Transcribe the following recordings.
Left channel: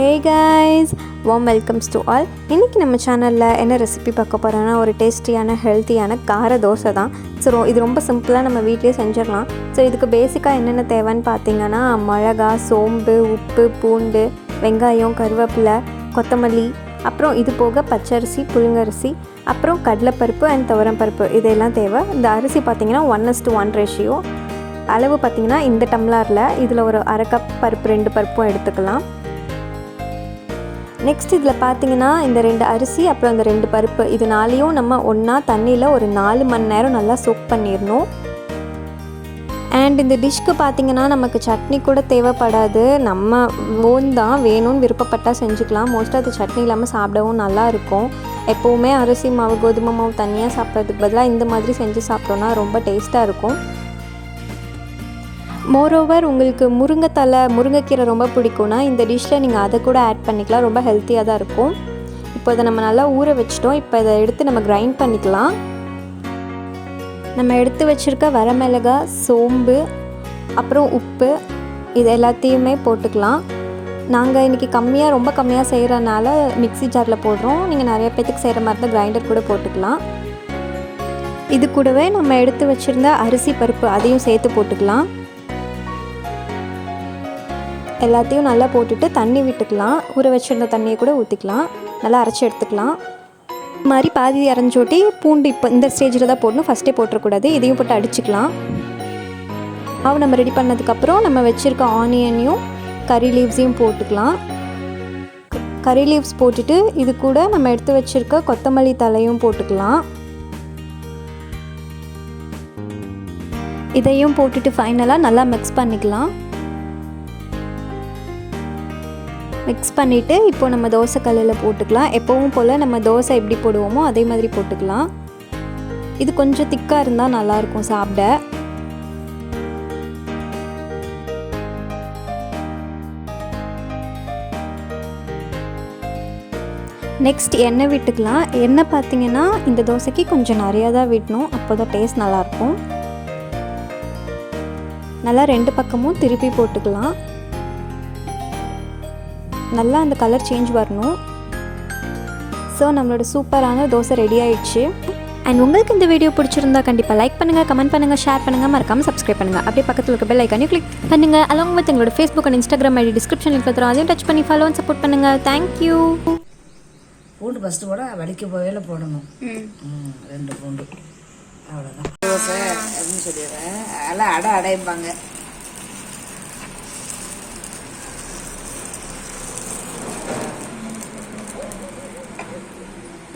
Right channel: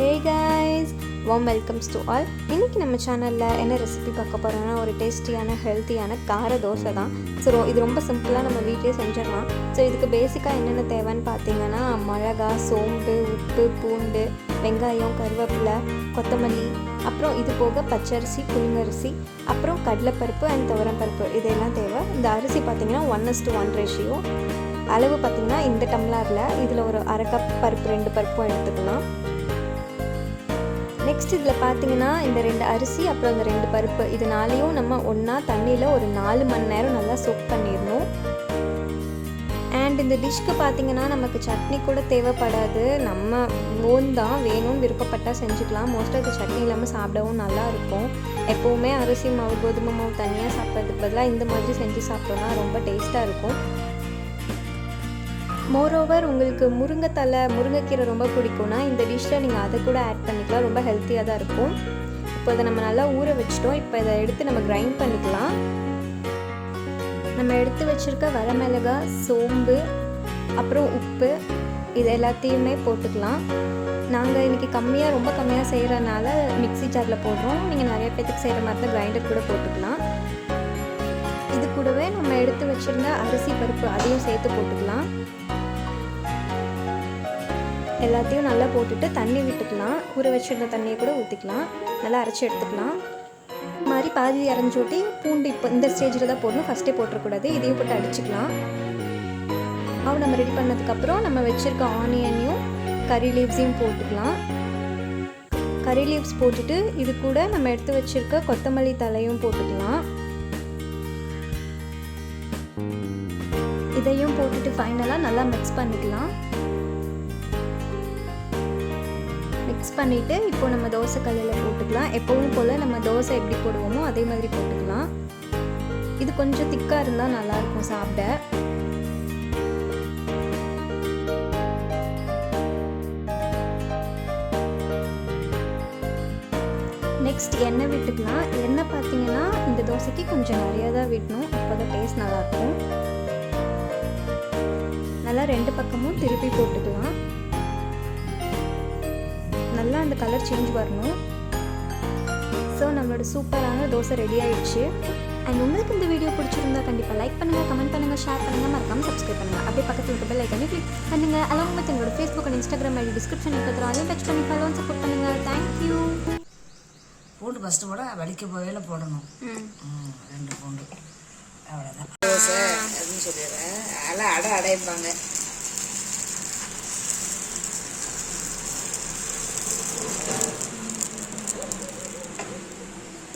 Hey guys, warm welcomes to all. இன்னைக்கு நம்ம சேனல்ல என்ன ரெசிபி பார்க்க போறோம்னா ஒரு டேஸ்டியான ஹெல்த்தியான கார தோசை தான். ஸோ இது ரொம்ப சிம்பிளாக நம்ம வீட்டிலே செஞ்சிடலாம். ஸோ இதுக்கு பேசிக்காக என்னென்ன தேவைன்னு பார்த்தீங்கன்னா மிளகா, சோம்பு, உப்பு, பூண்டு, வெங்காயம், கருவேப்பிலை, கொத்தமல்லி, அப்புறம் இது போக பச்சரிசி, புழுங்கரிசி, அப்புறம் கடலைப்பருப்பு அண்ட் துவரம்பருப்பு இதெல்லாம் தேவை. இந்த அரிசி பார்த்தீங்கன்னா 1:1 ரேஷியோ. அளவு பார்த்தீங்கன்னா இந்த டம்ளரில் இதில் ஒரு அரை கப் பருப்பு, 2 பருப்பும் எடுத்துக்கலாம். நெக்ஸ்ட் இதில் பார்த்தீங்கன்னா இந்த 2 அரிசி அப்புறம் இந்த 2 பருப்பு இது நாளையும் நம்ம ஒன்றா தண்ணியில் ஒரு 4 மணி நேரம் நல்லா சோக் பண்ணிடணும். அண்ட் இந்த டிஷ்க்கு பார்த்தீங்கன்னா நமக்கு சட்னி கூட தேவைப்படாது, நம்ம ஓன் தான், வேணும்னு விருப்பப்பட்டால் செஞ்சுக்கலாம். மோஸ்ட்டாக அது சட்னி இல்லாமல் சாப்பிடவும் நல்லாயிருக்கும். எப்போவுமே அரிசி மாவு, கோதுமை மாவு தனியாக சாப்பிட்றதுக்கு பதிலாக இந்த மாதிரி செஞ்சு சாப்பிட்டோன்னா ரொம்ப டேஸ்ட்டாக இருக்கும். மோரோவர் உங்களுக்கு முருங்கைக்கீரை ரொம்ப பிடிக்கும்னா இந்த டிஷ்ஷில் நீங்கள் அதை கூட ஆட் பண்ணிக்கலாம். ரொம்ப ஹெல்த்தியாக தான் இருக்கும். இப்போ இதை நம்ம நல்லா ஊற வச்சிட்டோம். இப்போ இதை எடுத்து நம்ம கிரைண்ட் பண்ணிக்கலாம். நம்ம எடுத்து வச்சுருக்க வரமிளகாய், சோம்பு, அப்புறம் உப்பு இது எல்லாத்தையுமே போட்டுக்கலாம். நாங்கள் இன்றைக்கி ரொம்ப கம்மியாக செய்கிறனால மிக்ஸி ஜாரில் போடுறோம். நீங்கள் நிறைய பேத்துக்கு செய்கிற மாதிரி தான் கிரைண்டர் கூட போட்டுக்கலாம். இது கூடவே நம்ம எடுத்து வச்சுருந்த அரிசி பருப்பு அதையும் சேர்த்து போட்டுக்கலாம். எல்லாத்தையும் நல்லா போட்டுட்டு தண்ணி விட்டுக்கலாம். ஊற வச்சுருந்த தண்ணியை கூட ஊற்றிக்கலாம். நல்லா அரைச்சி எடுத்துக்கலாம். இது மாதிரி பாதி அரைஞ்சோட்டி பூண்டு இப்போ இந்த ஸ்டேஜில் தான் போடணும், ஃபஸ்ட்டே போட்டுறக்கூடாது. இதையும் போட்டு அடிச்சுக்கலாம். நம்ம ரெடி பண்ணதுக்கப்புறம் நம்ம வச்சுருக்க ஆனியனையும் கறி லீவ்ஸையும் போட்டுக்கலாம். கறி லீவ்ஸ் போட்டுட்டு இது கூட நம்ம எடுத்து வச்சுருக்க கொத்தமல்லி தலையும் போட்டுக்கலாம். இதையும் போட்டுட்டு ஃபைனலாக நல்லா மிக்ஸ் பண்ணிக்கலாம். மிக்ஸ் பண்ணிவிட்டு இப்போ நம்ம தோசை கல்லில் போட்டுக்கலாம். எப்போவும் போல் நம்ம தோசை எப்படி போடுவோமோ அதே மாதிரி போட்டுக்கலாம். இது கொஞ்சம் திக்காக இருந்தால் நல்லாயிருக்கும் சாப்பிட. நெக்ஸ்ட் எண்ணெய் விட்டுக்கலாம். எண்ணெய் பார்த்தீங்கன்னா இந்த தோசைக்கு கொஞ்சம் நிறையா தான் விடணும், அப்போ தான் டேஸ்ட் நல்லாயிருக்கும். நல்லா 2 பக்கமும் திருப்பி போட்டுக்கலாம். நல்லா அந்த கலர் சேஞ்ச் வரணும். ஸோ நம்மளோட சூப்பரான தோசை ரெடி ஆயிடுச்சு. அண்ட் உங்களுக்கு இந்த வீடியோ பிடிச்சிருந்தா கண்டிப்பாக லைக் பண்ணுங்கள், கமெண்ட் பண்ணுங்கள், ஷேர் பண்ணுங்கள், மறக்காமல் சப்ஸ்கிரைப் பண்ணுங்கள். அப்படியே பக்கத்தில் இருக்க பெல் ஐக்கானையும் கிளிக் பண்ணுங்கள். அலாங் வித் எங்களோட ஃபேஸ்புக் அண்ட் இன்ஸ்டாகிராம் ஐடி டிஸ்கிரிப்ஷனில் இருக்கிறோம், அதையும் டச் பண்ணி ஃபாலோ அண்ட் சப்போர்ட் பண்ணுங்கள். தேங்க்யூ. பூண்டு ஃபஸ்ட்டு கூட வடிக்க போகையில் போடணும். 2 பூண்டு அவ்வளோதான். தோசை அப்படின்னு சொல்லிடுறேன். அதெல்லாம் அடைப்பாங்க.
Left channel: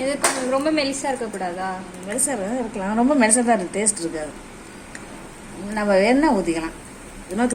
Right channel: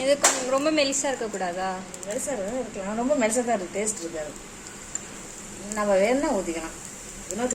இது ரொம்ப மெலிசாக இருக்கக்கூடாதா? மெலிசாக இருக்கலாம், ரொம்ப மெலிசாக தான் இருக்குது, டேஸ்ட் இருக்காது. நம்ம வேணா ஊற்றிக்கலாம்.